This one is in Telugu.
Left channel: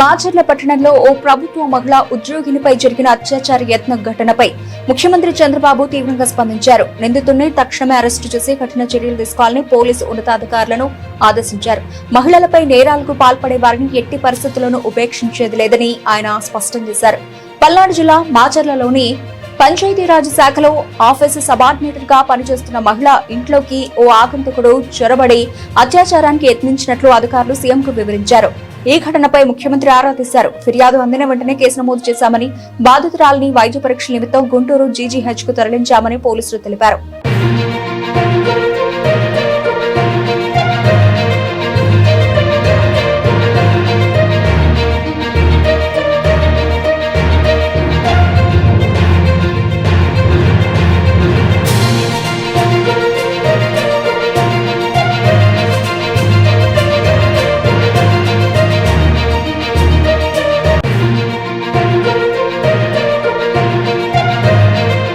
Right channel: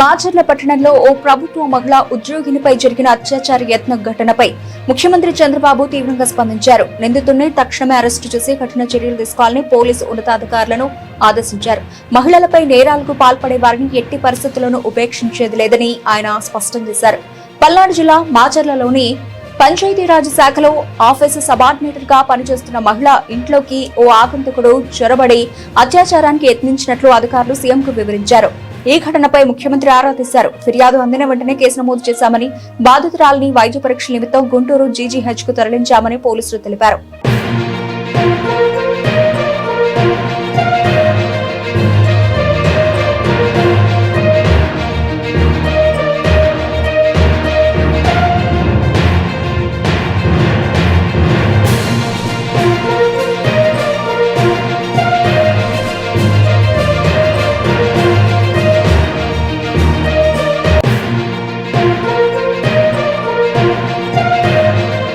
మాచర్ల పట్టణంలో ఓ ప్రభుత్వ మహిళా ఉద్యోగినిపై జరిగిన అత్యాచార యత్న ఘటనపై ముఖ్యమంత్రి చంద్రబాబు తీవ్రంగా స్పందించారు. నిందితుడిని తక్షణమే అరెస్టు చేసి కఠిన చర్యలు తీసుకోవాలని పోలీసు ఉన్నతాధికారులను ఆదేశించారు. మహిళలపై నేరాలకు పాల్పడే వారిని ఎట్టి పరిస్థితుల్లోనూ ఉపేక్షించేది లేదని ఆయన స్పష్టం చేశారు. పల్నాడు జిల్లా మాచర్లలోని పంచాయతీరాజ్ శాఖలో ఆఫీసు సబార్డినేటర్ గా పనిచేస్తున్న మహిళ ఇంట్లోకి ఓ ఆగంతుకుడు చొరబడి అత్యాచారానికి యత్నించినట్లు అధికారులు సీఎంకు వివరించారు. ఈ ఘటనపై ముఖ్యమంత్రి ఆరా తీశారు. ఫిర్యాదు అందిన వెంటనే కేసు నమోదు చేశామని, బాధితురాలిని వైద్య పరీక్షల నిమిత్తం గుంటూరు జీజీహెచ్ కు తరలించామని పోలీసులు తెలిపారు.